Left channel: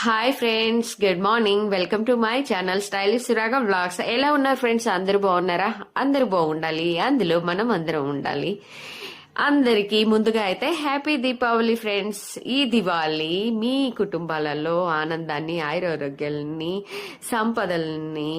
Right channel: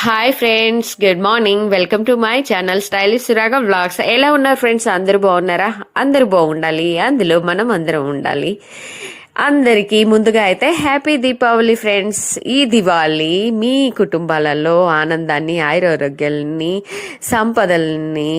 Hi friends, good morning. Welcome to my channel stylish Suraga vlogs. ఎలా ఉన్నారు friends? అందరూ బాగున్నారా? అందరూ బాగుండాలి, అందులో మనం అందరం ఉండాలి. అందరికీ ముందుగా అయితే హ్యాపీ దీపావళి ఫ్రెండ్స్. ఈ దివాళీ మీ కుటుంబాలలో ఆనందాన్ని, ఆయురారోగ్యాలని, సంపదల్ని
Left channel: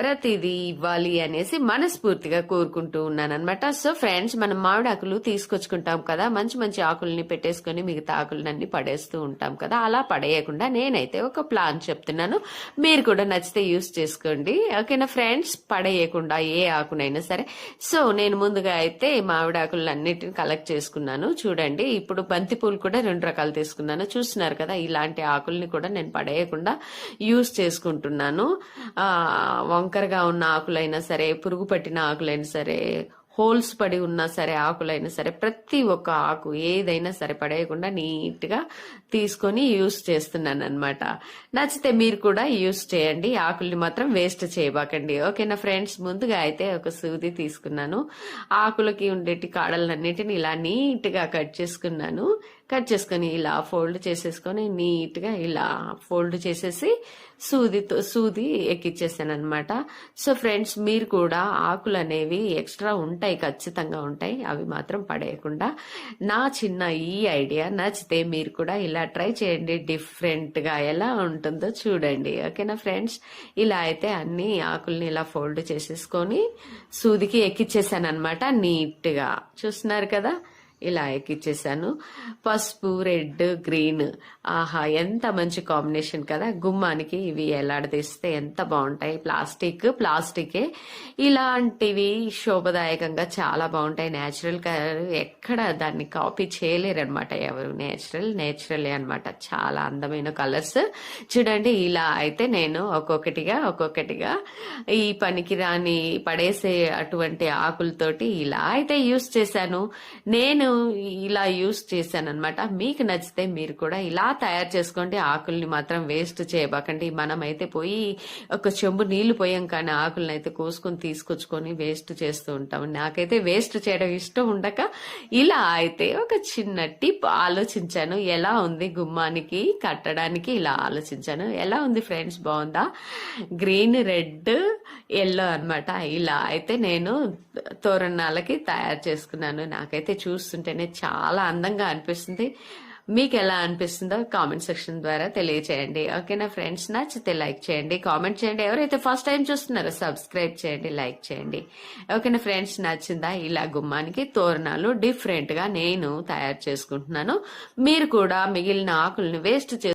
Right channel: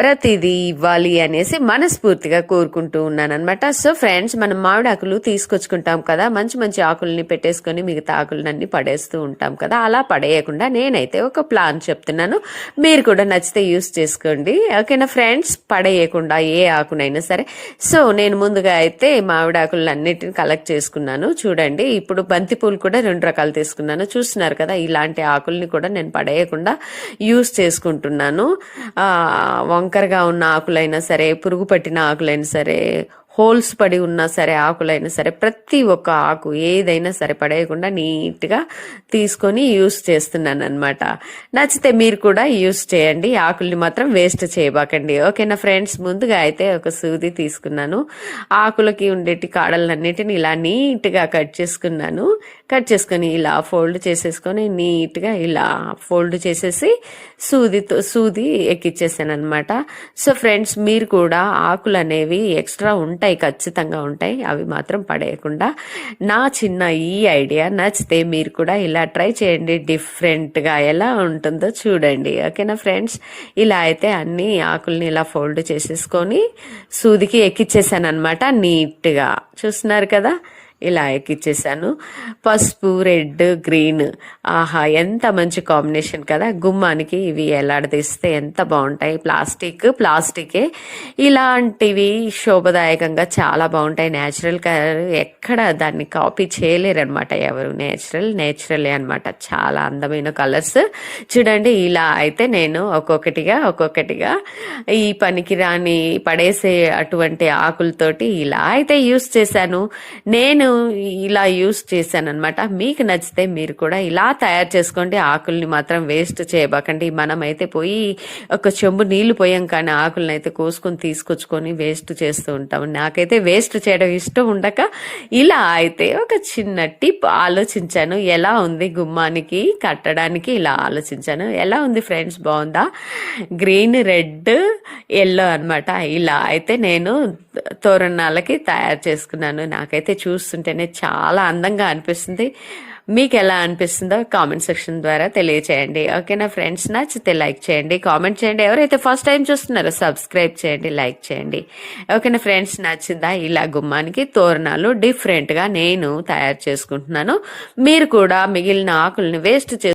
ప్రతిదీ ఇవ్వాలి అనేసి మనస్ఫూర్తిగా కోరుకుంటూ ఉన్నాను అనమాట. సో ఫ్రెండ్స్, మనం మామిడాకులు తీసుకొచ్చుకుంటాం కదా, మంచి మంచి ఆకుల్ని పెట్టేసుకొని మిగతా ఆకులన్నీ పడేస్తూ ఉంటాం కదా. అలా పడేయకుండా నేనైతే ఒక ప్లాన్ చెప్తున్నాను, మీరు కూడా నచ్చితే యూస్ చేసుకోండి. ఓకేనా ఫ్రెండ్స్? పడేయకుండా ఏ ఆకునైనా సరే. సో నేను ముందుగా అయితే మామిడాకులు అన్నిటిని కలెక్ట్ చేసుకున్నాను. చూడండి, ఇప్పుడు బంతిపూలు కూడా 2 రకాలు తీసుకున్నాను. చూస్తున్నారు కదా, ఇలాంటి ఆకుల్ని కూడా నేను పడేయకుండా యూస్ చేసుకుంటున్నాను. వంకరగా ఉన్న ఆకులైనా సరే, పురుగు పట్టిన ఆకులైనా సరే, హోల్స్ పడి ఉన్నా సరే, ఆకులైనా సరే, ప్రతి ఒక్క ఆకు ఏదైనా సరే పడేయకుండా నీట్గా తీసుకొని యూస్ చేస్తున్నాను అనమాట. నచ్చితే మీరు కూడా యూస్ చేయండి, ఆకుల్ని మాత్రం వేస్ట్ చేయబాకండి. ఓకేనా ఫ్రెండ్స్? ముందుగా అయితే ఒక సూది తీసుకున్నాను. ఆకులకి ఉండేటి కాడలన్నిటిని ఇలా నీట్గా కట్ చేసుకున్నాను. కట్ చేసుకొని ఇలా ఫోల్డ్ చేసేసుకొని నీట్గా ఇలా ఫోల్డ్ చేసేసి సూది ఎక్కిచ్చేసాను అనమాట. సో ఫ్రెండ్స్, మీరు కూడా ఆకులు అనేవి ఎక్స్ట్రా ఉంటాయి, ఖచ్చితంగా ఉంటాయి, అవి మాత్రం పడేయకుండా. నా చిన్న ఈ ఐడియా నచ్చితే మీరు కూడా ఇలా ట్రై చేయండి, డిఫరెంట్గా ఎలా ఉంటుందో చూడండి. ఓకేనా ఫ్రెండ్స్? ఇలా అయితే అన్ని ఆకుల్ని ఇలా ఫోల్డ్ చేసేసుకొని సూదికి ఎక్కిచ్చేసాను అనమాట. నీట్గా చూస్తున్నారు కదా, ఇలా ఎక్కిచ్చేసాను. పసుపు, రెడ్, గ్రీన్, ఆహా ఎంత మంచి కాంబినేషన్ కదా. గుమ్మానికి ఇవి ఎలాడదీస్తే ఎంత బాగుంటాయి. ప్లాస్టికే ఇలాంటివి శోభదాయకంగా చాలా బాగుంటాయి. న్యాచురల్ కలర్, ఎక్కడ దాన్ని కాపీ చేయలేరనమాట ఎవరు. నేచురలే అనమాట. చాలా అందమైన కలర్స్. చూడండి, ఇలా అయితే నేను ఒక్కొక్కటిగా ఈ పనికి రాని పడేసే అటువంటి ఆకులతోటి ఇలా అయితే యూస్ చేశాను. నేను ఇలా యూస్ చేశాను అనమాట. మీకు నచ్చితే మీరు కూడా ఇలా తయారు చేసుకోండి. ఆకుల్ని మాత్రం వేస్ట్ చేయబాకండి. మనమైతే పోయి ఒక చెంబు నీళ్లు పోయాం, కానీ ఆకుల్ని అయితే కోసుకొని తీసుకొచ్చుకొని వేస్ట్ చేస్తూ ఉంటాం. నాకైతే వేస్ట్ చేయడం ఇష్టం ఉండక ఇలా అయితే ఒక చిన్న టిప్ ఆలోచించాను. ఎలా ఉంది గుమ్మానికి కట్టడానికి, ఇలా ఆలోచించాను. ఎలా ఉంది ఫ్రెండ్స్? బాగుందా? గ్రీన్, రెడ్, ఎల్లో అనమాట. ఇలా అయితే నేను తోరణాలకి తయారు చేసుకున్నాను. నాకైతే చూస్తుంటేనే చాలా అందంగా అనిపిస్తుంది. మీకు ఎలా అనిపిస్తుందో కామెంట్ సెక్షన్ ద్వారా తెలియచేయండి. ఓకేనా ఫ్రెండ్స్? నచ్చితే లైక్ చేయండి, కామెంట్ చేయండి. ఎవరైతే ఫస్ట్ టైం చూస్తున్నారో సబ్స్క్రైబ్ చేయండి, లైక్ చేయండి. ఓకేనా ఫ్రెండ్స్? నచ్చిందా? ఇలా గుమ్మానికి తోరణాలు డిఫరెంట్గా నేను తయారు చేసుకుంటున్నాను. మీరు కూడా మిగిలిన ఆకుల్ని వేస్ట్